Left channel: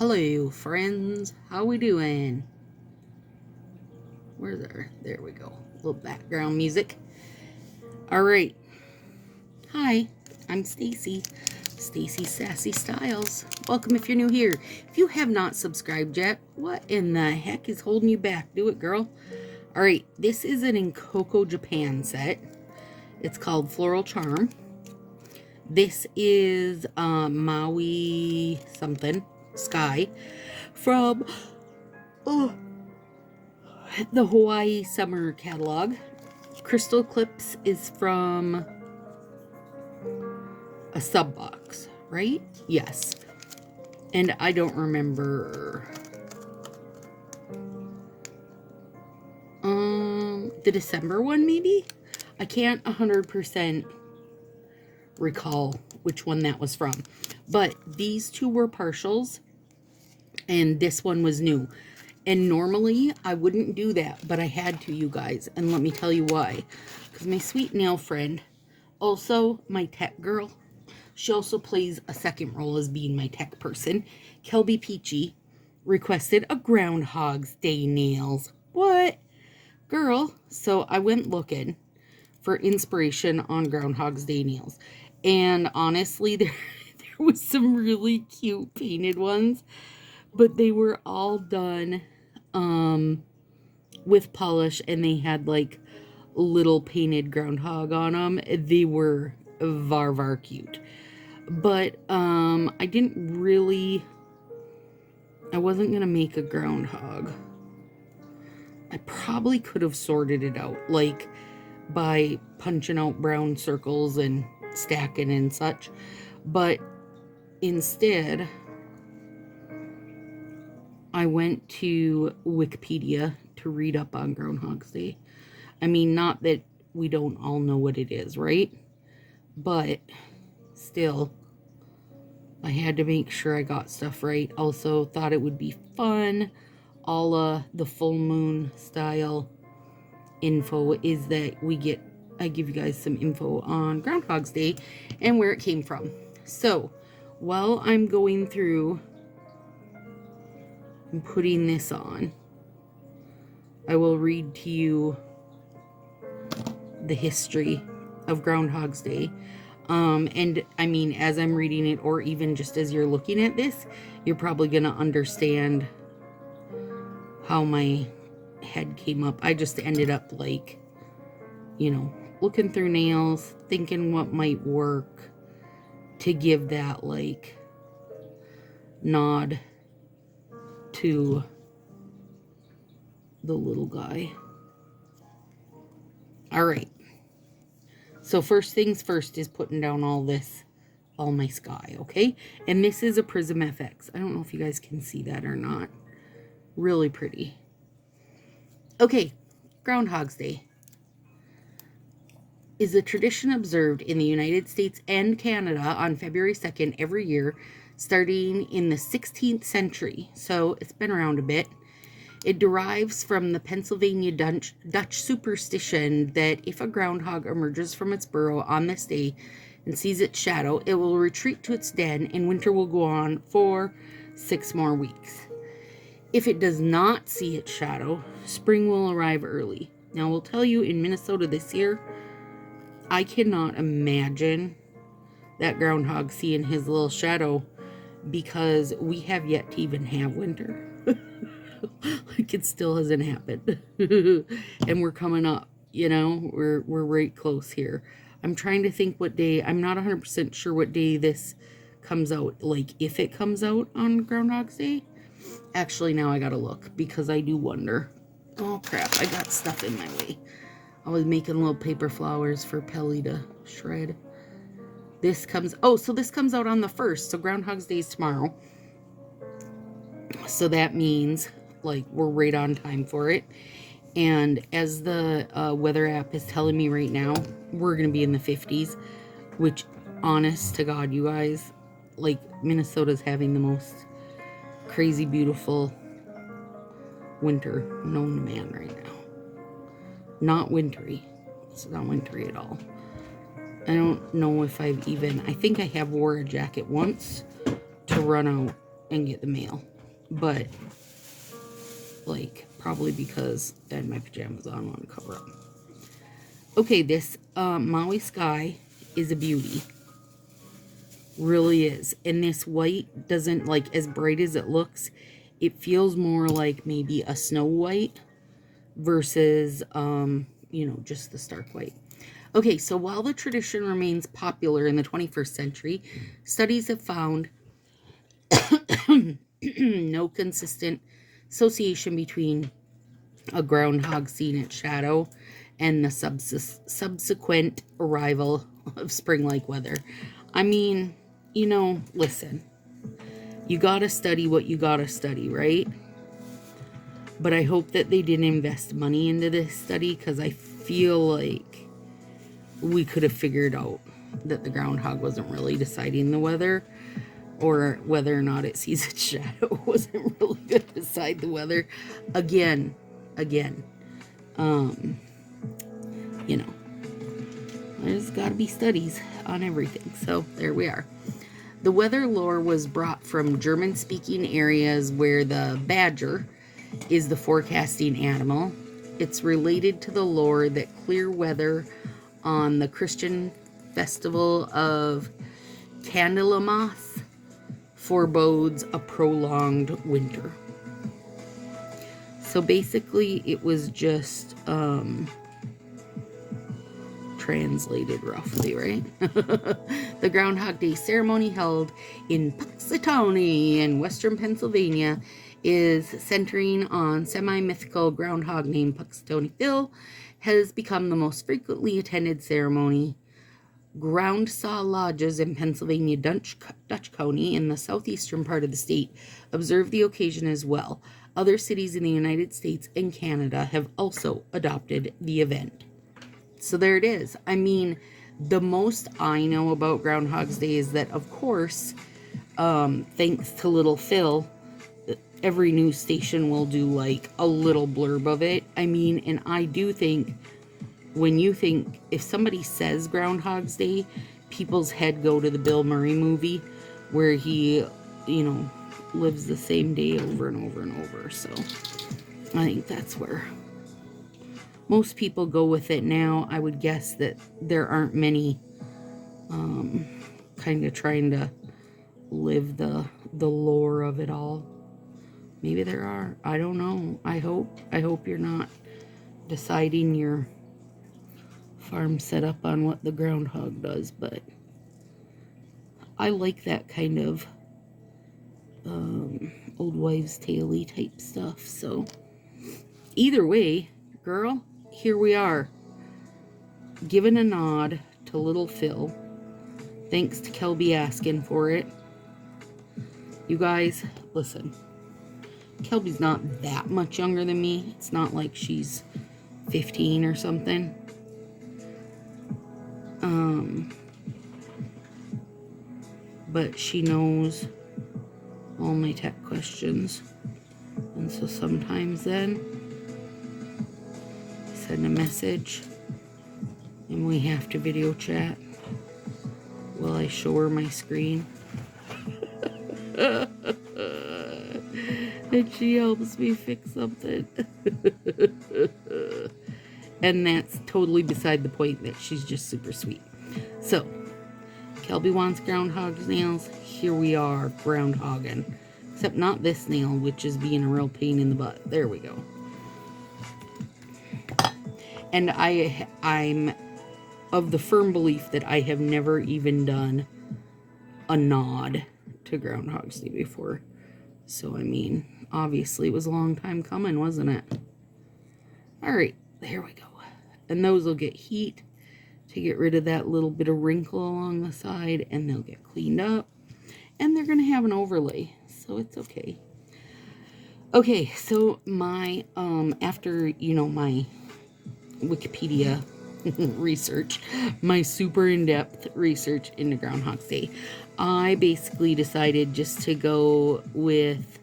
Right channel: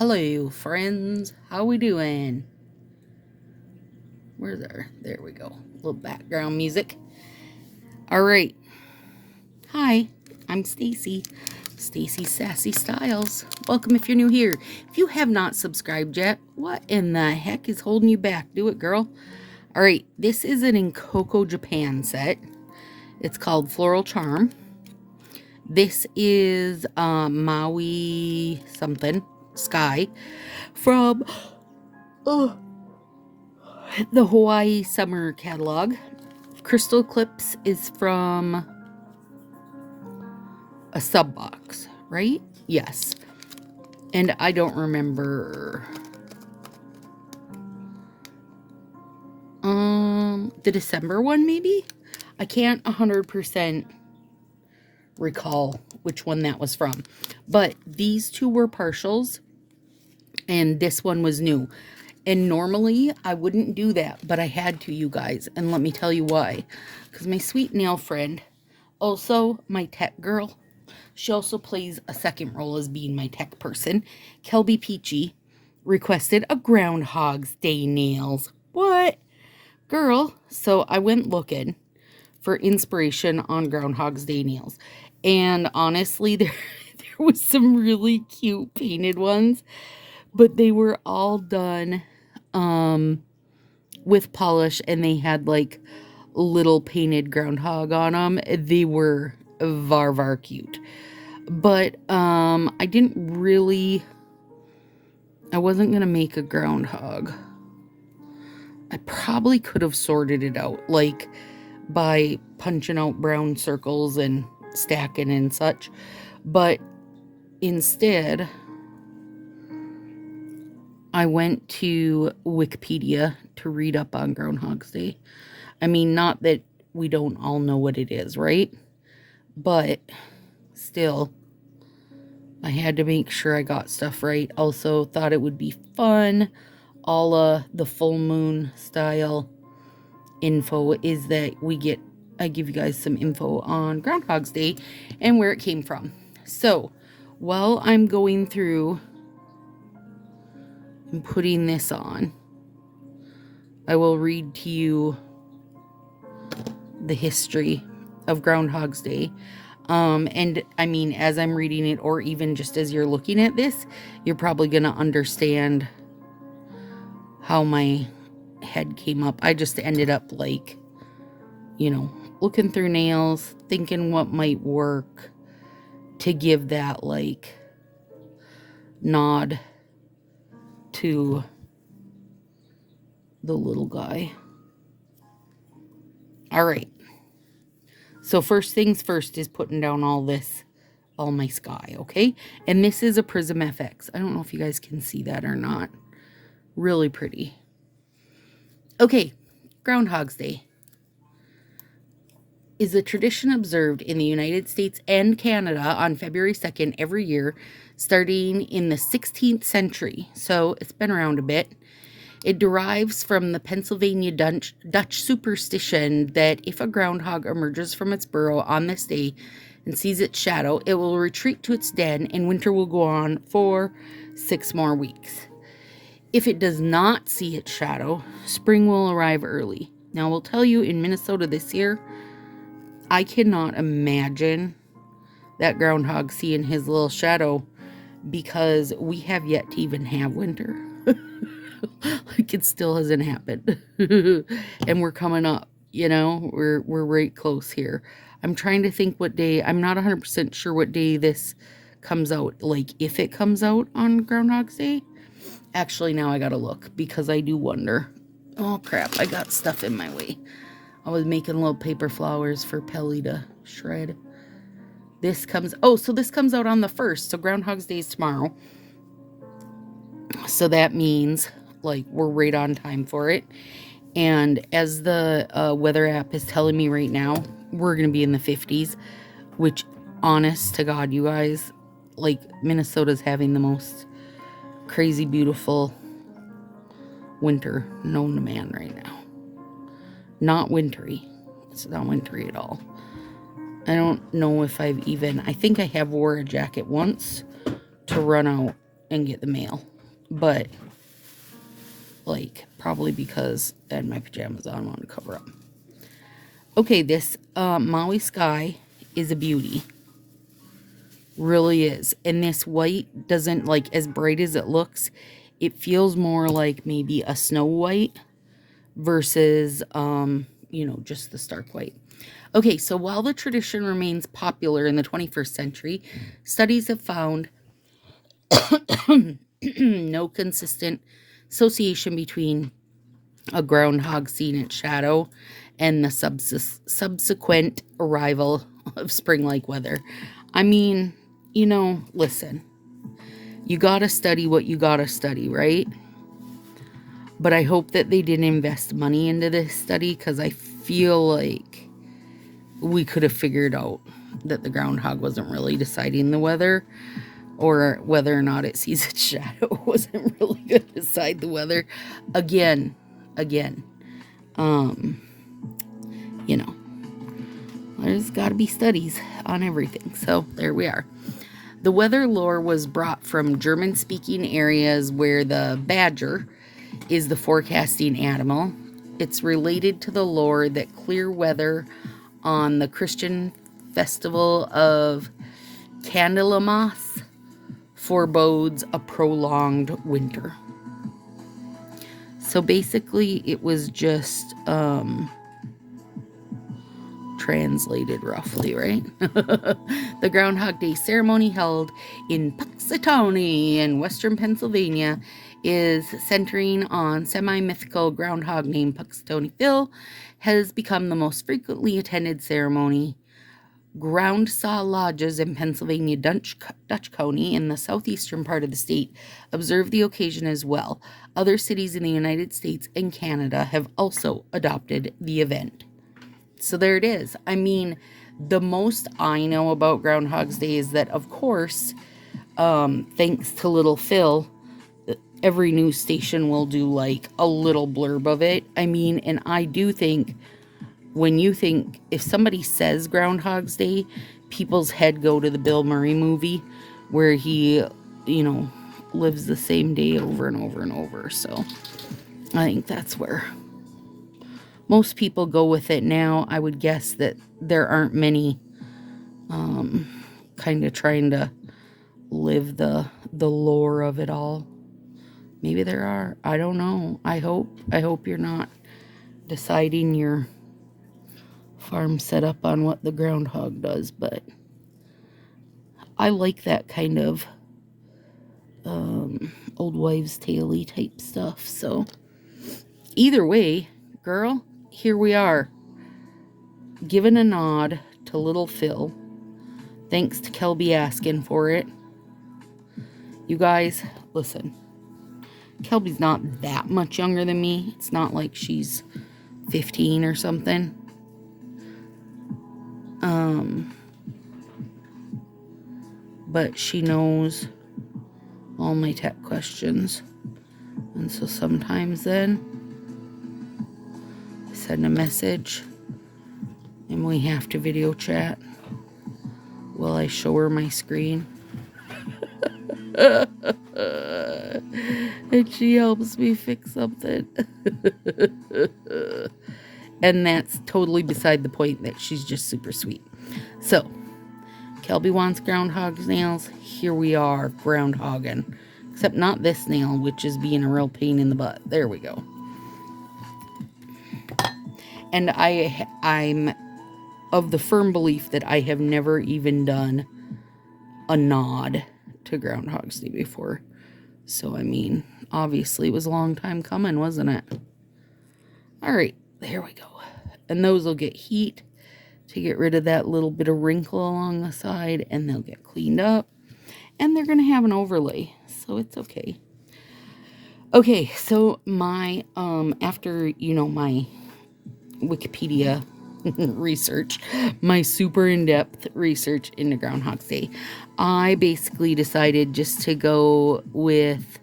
Hello, friends. How we doing? Where's our... There we go. A little background music. All right. Hi, I'm Stacy. Stacy Sassy Styles. Welcome if you're new here. If you have not subscribed yet, what in the heck is holding you back? Do it, girl. All right. This is an Inkoko Japan set. It's called Floral Charm. This is Maui something Sky from the Hawaii Summer Catalog. Crystal Clips is from a sub box, right? Yes. And I don't remember the December one, maybe? I can't 100% recall which one that was from. But these two were partials, and this one was new. And normally, I wouldn't do that, but I had to, you guys. And let me tell you why. Because my sweet nail friend, also my tech girl, she also plays a second role as being my tech person, Kelby Peachy, requested a Groundhog's Day nails. What? Girl. So I went looking for inspiration on Groundhog's Day nails. And honestly, there was some really cute painted ones, but they were all done with polish, and they had like little painted groundhog on them. They were var cute. But I wasn't gonna make a groundhog. I probably could have sorted it out, like by punching out brown circles and stacking and such, but instead I went to Wikipedia to read up on Groundhog's Day. I mean, not that we don't all know what it is, right? But still, I had to make sure I got stuff right. Also thought it would be fun. All the full moon style info is that I give you guys some info on Groundhog's Day and where it came from. So while I'm going through and putting this on, I will read to you the history of Groundhog's Day. And I mean, as I'm reading it, or even just as you're looking at this, you're probably going to understand how my head came up. I just ended up like, looking through nails, thinking what might work to give that like nod to the little guy. All right. So first things first is putting down all my sky, okay? And this is a Prism FX. I don't know if you guys can see that or not. Really pretty. Okay, Groundhog's Day is a tradition observed in the United States and Canada on February 2nd every year, starting in the 16th century. So it's been around a bit. It derives from the Pennsylvania Dutch superstition that if a groundhog emerges from its burrow on this day and sees its shadow, it will retreat to its den and winter will go on for 6 more weeks. If it does not see its shadow, spring will arrive early. Now, I will tell you, in Minnesota this year, I cannot imagine that groundhog seeing his little shadow because we have yet to even have winter. Like, it still hasn't happened. And we're coming up, we're right close here. I'm trying to think what day. I'm not 100% sure what day this comes out, like if it comes out on Groundhog's Day. Actually, now I gotta look because I do wonder. Oh crap, I got stuff in my way. I was making little paper flowers for Pelly to shred. This comes out on the 1st, so Groundhog's Day is tomorrow. So that means like we're right on time for it. And as the weather app is telling me right now, we're gonna be in the 50s, which, honest to God, you guys, like, Minnesota's having the most crazy beautiful winter known to man right now. Not wintry. It's not wintry at all. I don't know if I think I have wore a jacket once to run out and get the mail. But, like, probably because I had my pajamas on, I wanted to cover up. Okay, this Maui sky is a beauty. Really is. And this white doesn't, like, as bright as it looks, it feels more like maybe a snow white versus, you know, just the stark white. Okay, so while the tradition remains popular in the 21st century, studies have found no consistent association between a groundhog seeing its shadow and the subsequent arrival of spring-like weather. I mean, you know, listen, you gotta study what you gotta study, right? But I hope that they didn't invest money into this study, because I feel like we could have figured out that the groundhog wasn't really deciding the weather, or whether or not it sees its shadow wasn't really going to decide the weather. Again, you know, there's got to be studies on everything. So there we are. The weather lore was brought from German-speaking areas where the badger is the forecasting animal. It's related to the lore that clear weather on the Christian festival of Candlemas forebodes a prolonged winter. So basically it was just translated roughly, right? The Groundhog Day ceremony held in Puxatawny in western Pennsylvania is centering on semi-mythical groundhog named Puxatawny Phil, has become the most frequently attended ceremony. Ground saw lodges in Pennsylvania, Dutch County, in the southeastern part of the state, observe the occasion as well. Other cities in the United States and Canada have also adopted the event. So there it is. I mean, the most I know about Groundhog's Day is that, of course, thanks to Little Phil, every news station will do like a little blurb of it. I mean, and I do think, when you think, if somebody says Groundhog's Day, people's head go to the Bill Murray movie where he, you know, lives the same day over and over and over. So I think that's where most people go with it now. I would guess that there aren't many kind of trying to live the lore of it all. Maybe there are. I don't know. I hope you're not deciding your farm setup on what the groundhog does, but I like that kind of old wives' tale-y type stuff. So either way, girl, here we are, giving a nod to Little Phil. Thanks to Kelby asking for it. You guys, listen, Kelby's not that much younger than me. It's not like she's 15 or something. But she knows all my tech questions. And so sometimes then I send a message and we have to video chat while I show her my screen. And she helps me fix something. And that's totally beside the point, that she's just super sweet. So, Kelby wants groundhog nails. Here we are, groundhogging. Except not this nail, which is being a real pain in the butt. There we go. And I'm of the firm belief that I have never even done a nod to Groundhog's Day before. So, I mean, obviously it was a long time coming, wasn't it? Alright, there we go. And those will get heat to get rid of that little bit of wrinkle along the side, and they'll get cleaned up. And they're going to have an overlay, so it's okay. Okay, so my, after, you know, my Wikipedia research, my super in-depth research into Groundhog's Day, I basically decided just to go with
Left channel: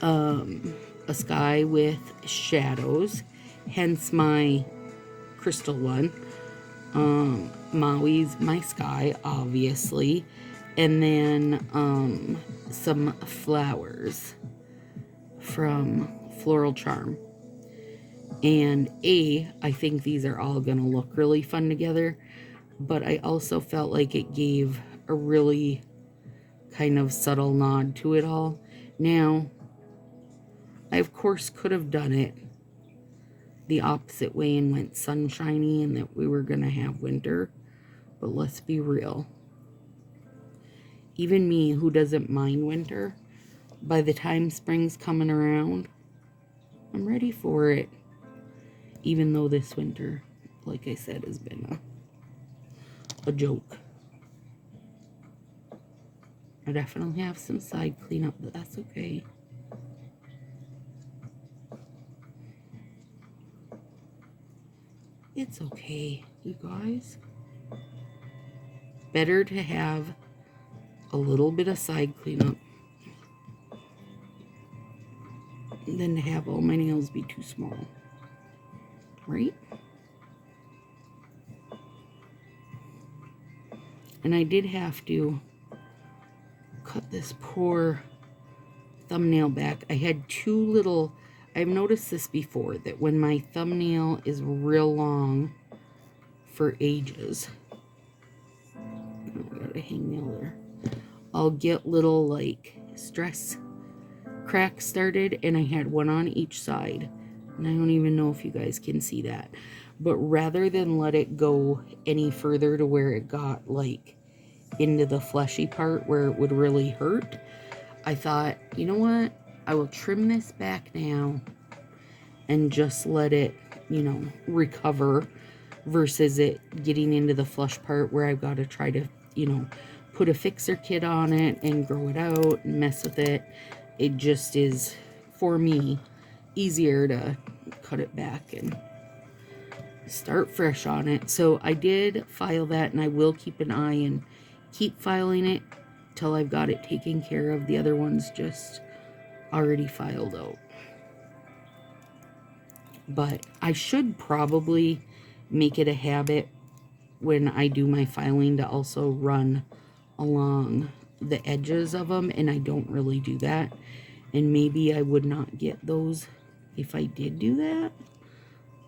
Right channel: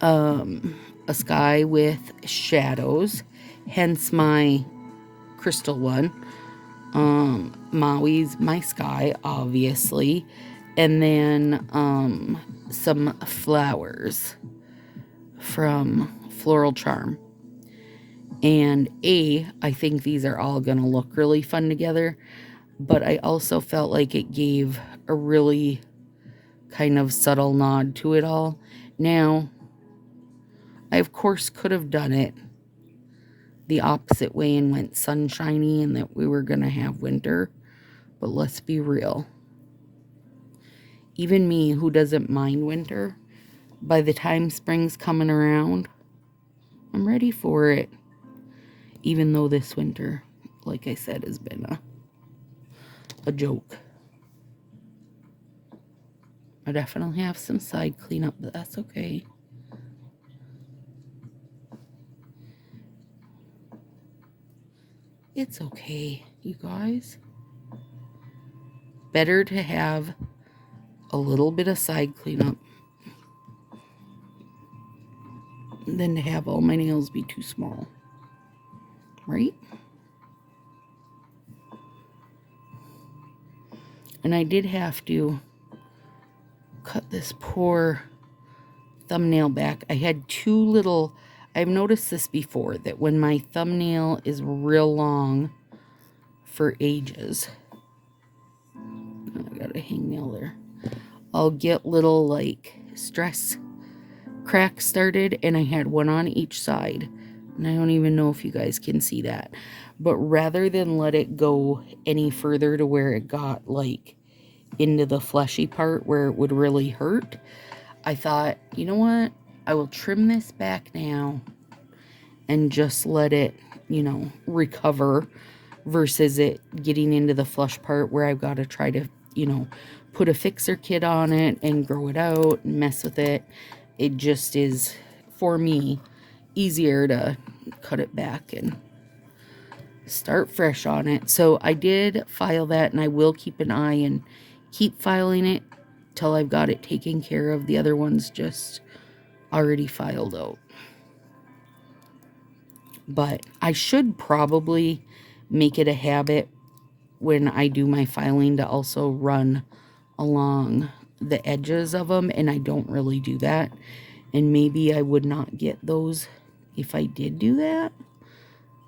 a sky with shadows, hence my crystal one. Maui's my sky, obviously, and then some flowers from Floral Charm. And I think these are all going to look really fun together, but I also felt like it gave a really kind of subtle nod to it all. Now, I of course could have done it the opposite way and went sunshiny and that we were going to have winter, but let's be real. Even me, who doesn't mind winter, by the time spring's coming around, I'm ready for it. Even though this winter, like I said, has been a joke. I definitely have some side cleanup, but that's okay. It's okay, you guys. Better to have a little bit of side cleanup than to have all my nails be too small. Right? And I did have to cut this poor thumbnail back. I had two little, I've noticed this before, that when my thumbnail is real long for ages, I got a hangnail there, I'll get little like stress cracks started, and I had one on each side. And I don't even know if you guys can see that. But rather than let it go any further to where it got like into the fleshy part where it would really hurt, I thought, you know what? I will trim this back now and just let it, you know, recover versus it getting into the flush part where I've got to try to, you know, put a fixer kit on it and grow it out and mess with it. It just is, for me, easier to cut it back and start fresh on it. So I did file that, and I will keep an eye and keep filing it till I've got it taken care of. The other one's just already filed out. But I should probably make it a habit when I do my filing to also run along the edges of them, and I don't really do that. And maybe I would not get those if I did do that?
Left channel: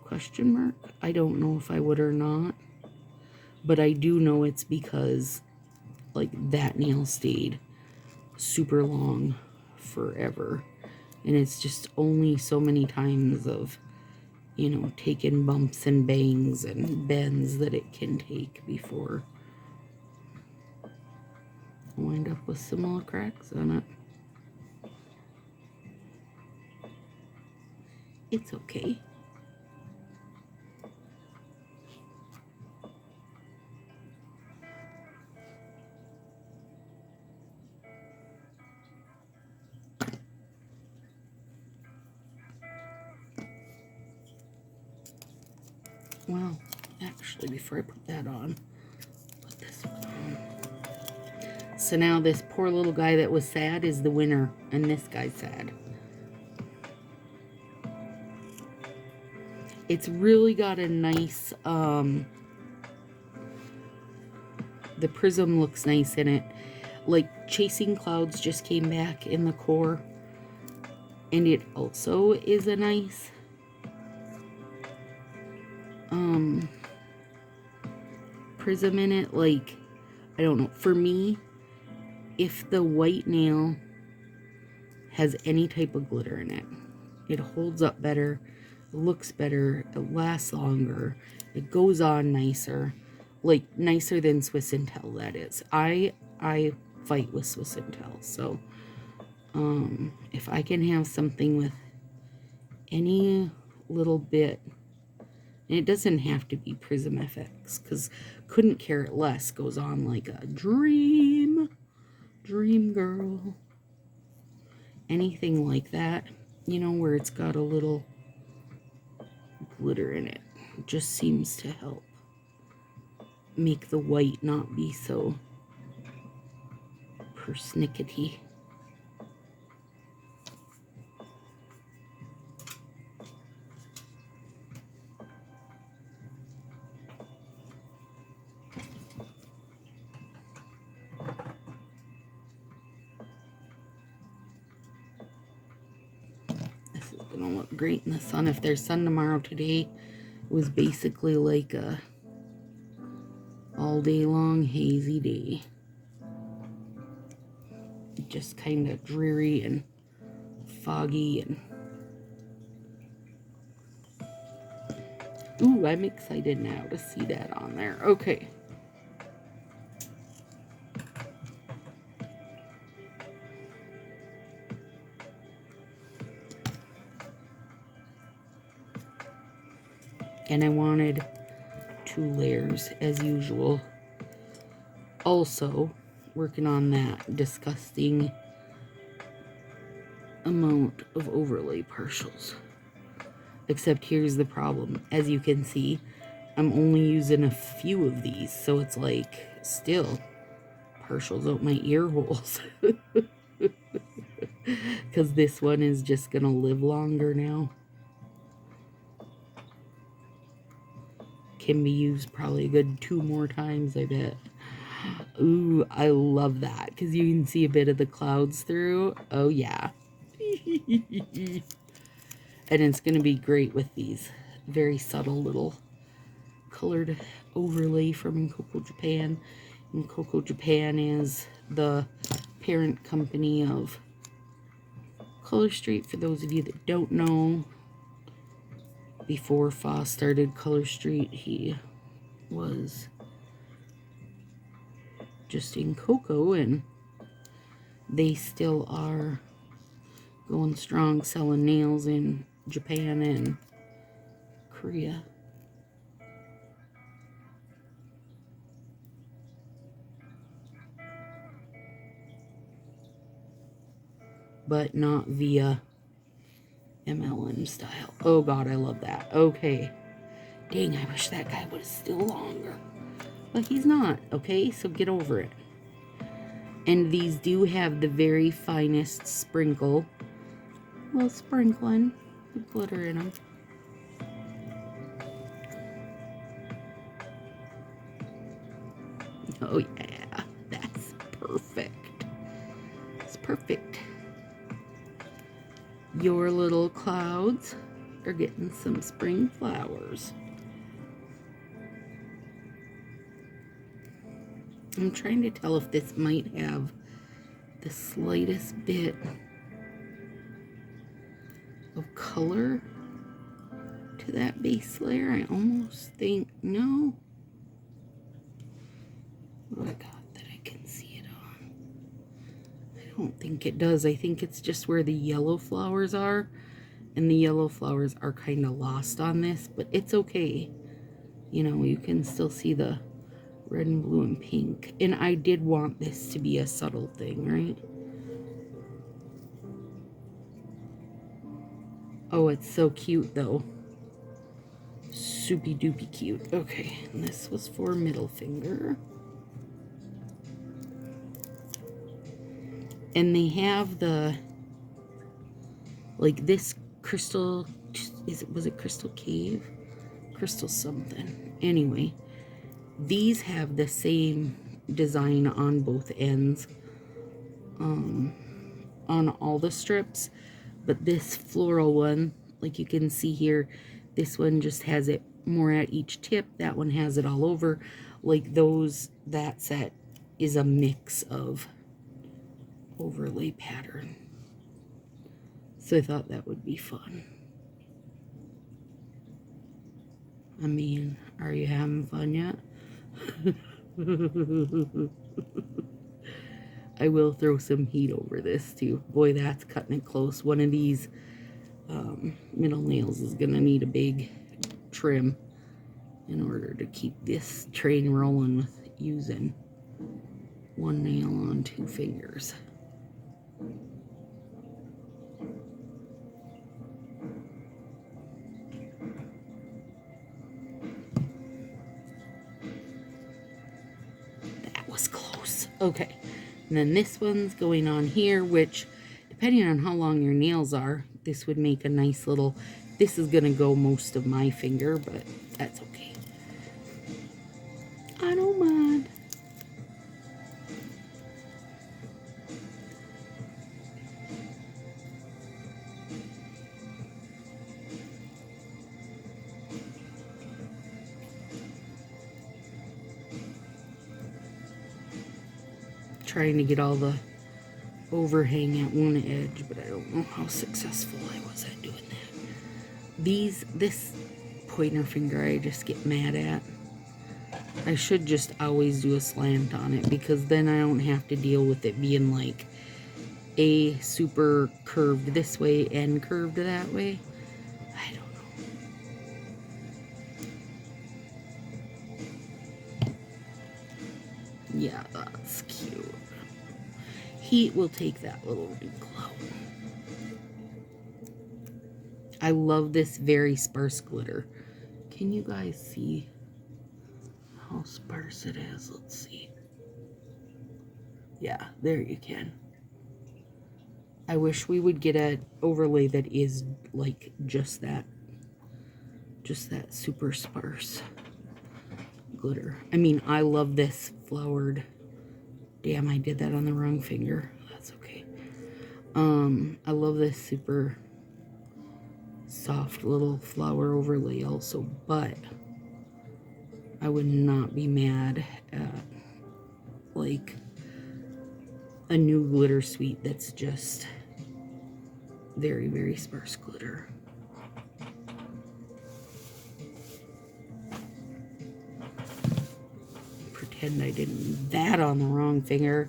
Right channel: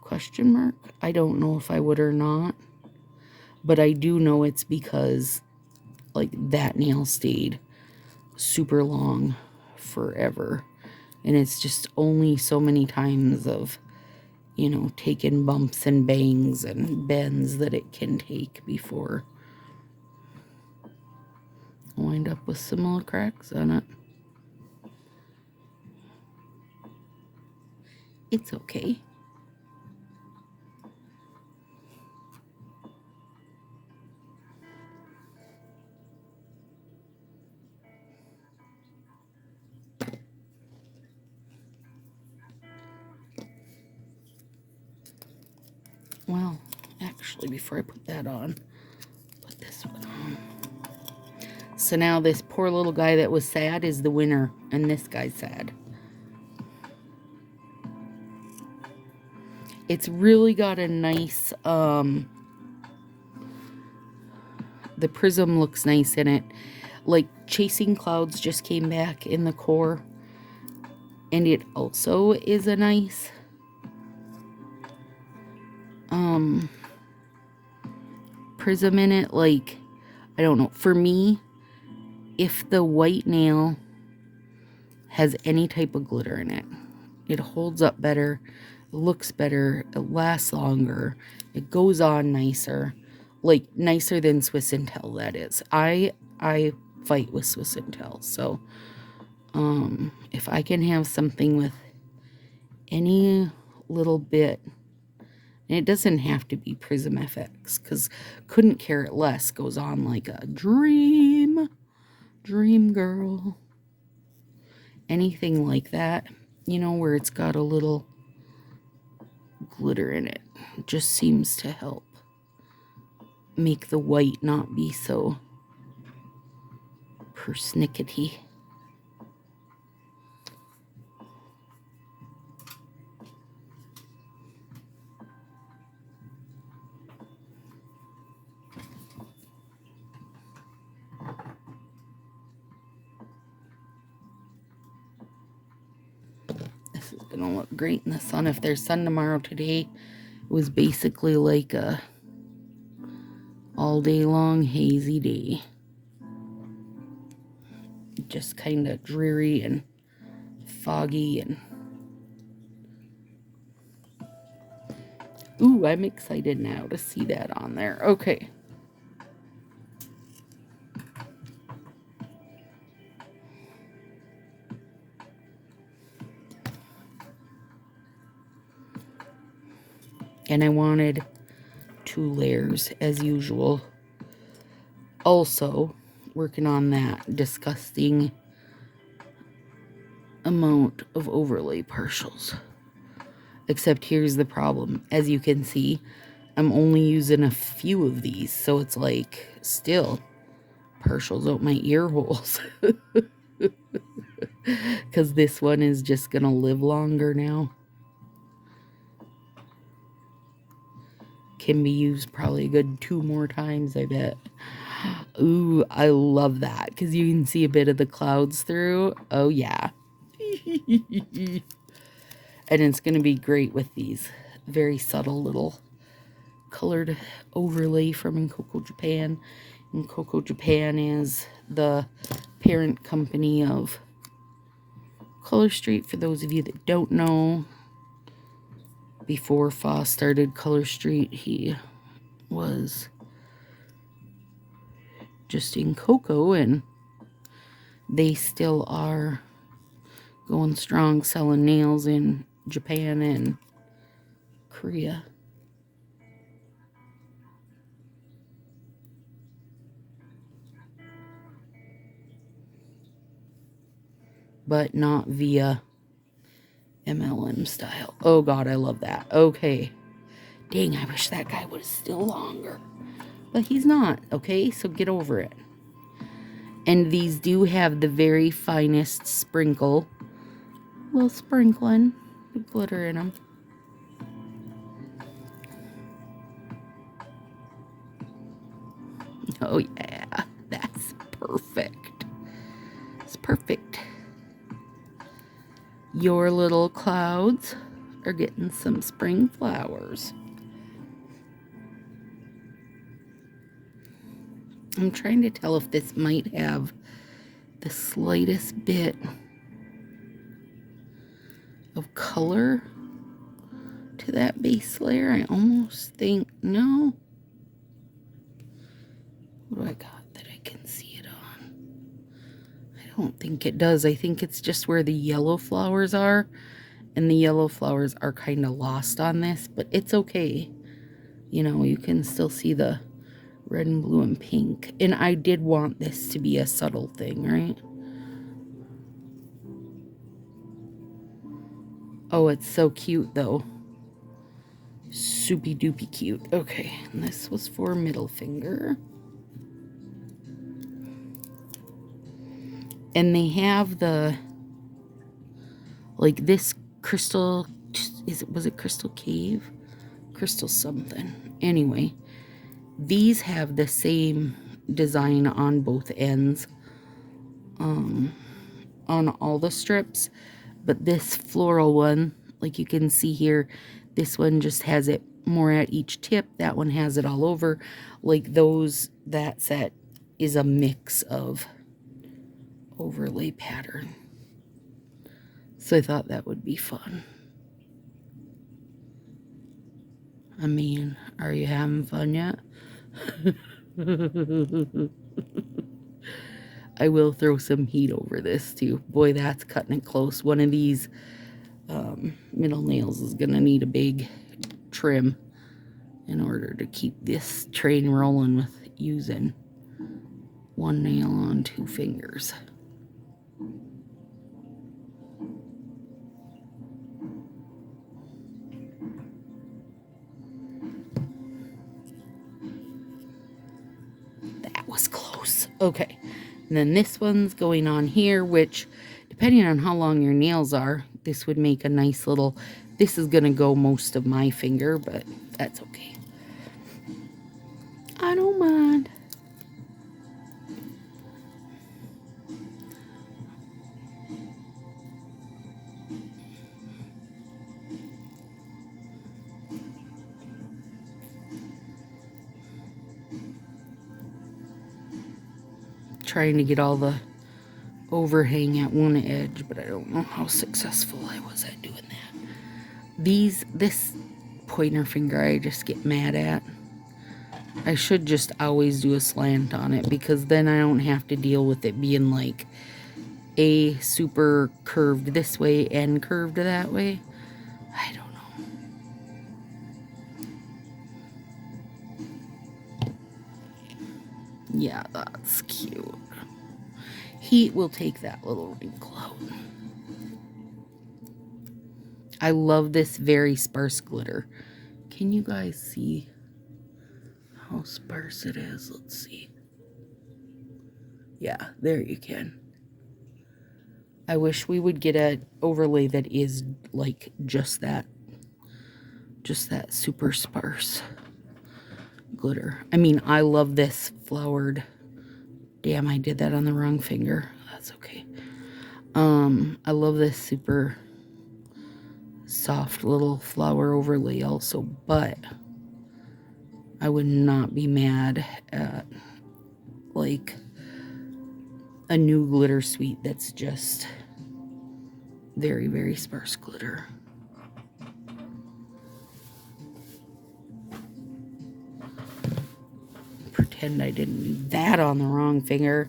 Question mark. I don't know if I would or not. But I do know it's because like that nail stayed super long forever. And it's just only so many times of, you know, taking bumps and bangs and bends that it can take before I wind up with some more cracks on it. It's okay. Well, actually, before I put that on, put this one on. So now this poor little guy that was sad is the winner, and this guy's sad. It's really got a nice, the prism looks nice in it. Like Chasing Clouds just came back in the core, and it also is a nice prism in it. Like, I don't know, for me, if the white nail has any type of glitter in it, it holds up better, it looks better, it lasts longer, it goes on nicer, like nicer than Swiss and Tell, that is. I fight with Swiss and Tell, so if I can have something with any little bit, and it doesn't have to be Prism FX, because Couldn't Care It Less goes on like a dream girl. Anything like that, you know, where it's got a little glitter in it, just seems to help make the white not be so persnickety. gonna look great in the sun. If there's sun tomorrow, today it was basically like a all day long hazy day. Just kind of dreary and foggy and ooh, I'm excited now to see that on there. Okay. And I wanted 2 layers as usual. Also, working on that disgusting amount of overlay partials. Except here's the problem. As you can see, I'm only using a few of these, so it's like still partials out my ear holes. Because this one is just gonna live longer now. Can be used probably a good 2 more times, I bet. Ooh, I love that because you can see a bit of the clouds through. Oh yeah. And it's going to be great with these very subtle little colored overlay from Coco Japan. And Coco Japan is the parent company of Color Street. For those of you that don't know, before Foss started Color Street, he was just in Coco, and they still are going strong selling nails in Japan and Korea. But not via MLM style. Oh god, I love that. Okay. Dang, I wish that guy was still longer. But he's not, okay? So get over it. And these do have the very finest sprinkle. A little sprinkling with glitter in them. Oh yeah, that's perfect. It's perfect. Your little clouds are getting some spring flowers. I'm trying to tell if this might have the slightest bit of color to that base layer. I almost think, no. What do I got that I can see it on? I don't think it does. I think it's just where the yellow flowers are. And the yellow flowers are kind of lost on this, but it's okay. You know, you can still see the red and blue and pink. And I did want this to be a subtle thing, right? Oh, it's so cute though. Soupy doopy cute. Okay, and this was for middle finger. And they have the, like this crystal, was it Crystal Cave? Crystal something. Anyway, these have the same design on both ends, on all the strips, but this floral one, like you can see here, this one just has it more at each tip. That one has it all over. Like those, that set is a mix of overlay pattern. So I thought that would be fun. I mean, are you having fun yet? I will throw some heat over this too. Boy, that's cutting it close. One of these middle nails is gonna need a big trim in order to keep this train rolling with using one nail on 2 fingers. That was close. Okay, and then this one's going on here, which depending on how long your nails are, this would make a nice little, this is gonna go most of my finger, but that's okay. I don't mind. trying to get all the overhang at one edge, but I don't know how successful I was at doing that. This pointer finger I just get mad at. I should just always do a slant on it, because then I don't have to deal with it being like a super curved this way and curved that way. I don't know. Yeah, that's cute. Heat will take that little wrinkle out. I love this very sparse glitter. Can you guys see how sparse it is? Let's see. Yeah, there you can. I wish we would get an overlay that is like just that super sparse glitter. I mean, I love this flowered. Damn, I did that on the wrong finger. That's okay. I love this super soft little flower overlay also, but I would not be mad at like a new glitter suite that's just very, very sparse glitter. Pretend I didn't do that on the wrong finger.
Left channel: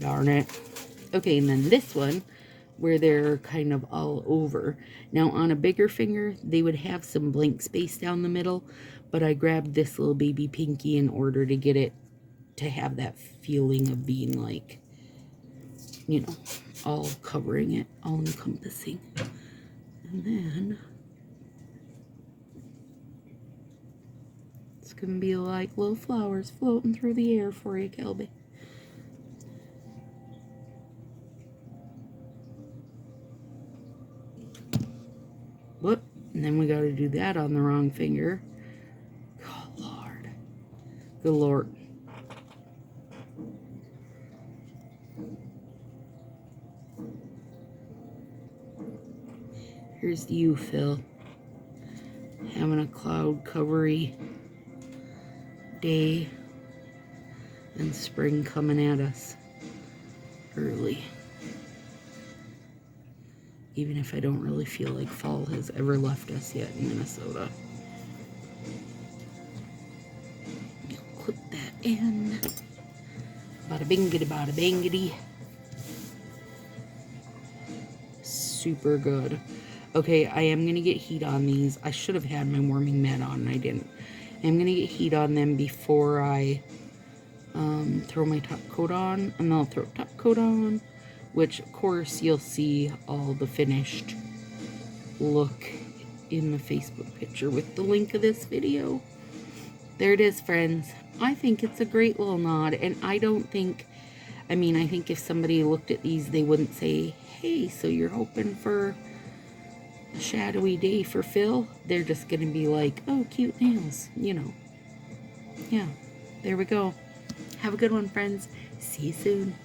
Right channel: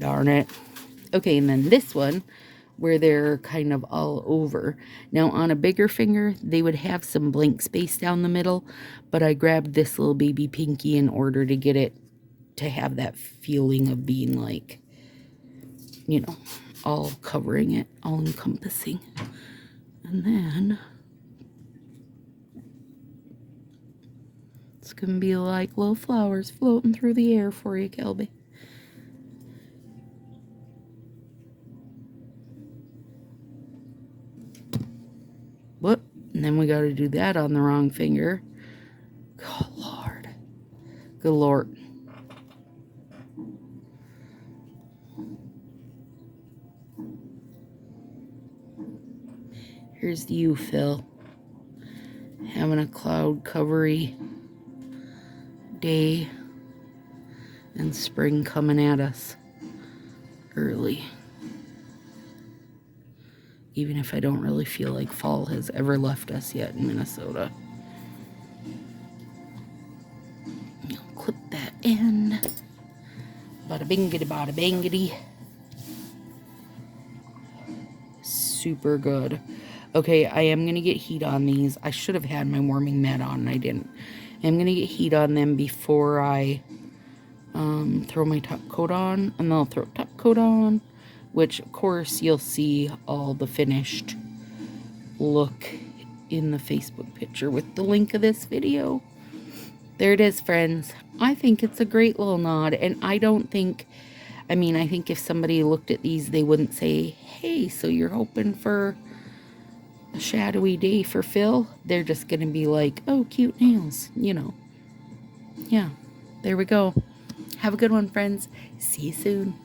Darn it. Okay, and then this one, where they're kind of all over. Now, on a bigger finger, they would have some blank space down the middle, but I grabbed this little baby pinky in order to get it to have that feeling of being like, you know, all covering it, all encompassing. And then it's gonna be like little flowers floating through the air for you, Kelby. Whoop, and then we gotta do that on the wrong finger. Oh, Lord. Good Lord. Here's you, Phil. Having a cloud covery day and spring coming at us early. Even if I don't really feel like fall has ever left us yet in Minnesota. I'll clip that in. Bada bingity, bada bangity. Super good. Okay, I am going to get heat on these. I should have had my warming mat on and I didn't. I'm going to get heat on them before I throw my top coat on. And then I'll throw top coat on, which of course you'll see all the finished look in the Facebook picture with the link of this video. There it is, friends. I think it's a great little nod, and I don't think, I mean, I think if somebody looked at these, they wouldn't say, hey, so you're hoping for a shadowy day for Phil? They're just going to be like, oh, cute nails, you know. Yeah, there we go. Have a good one, friends. See you soon.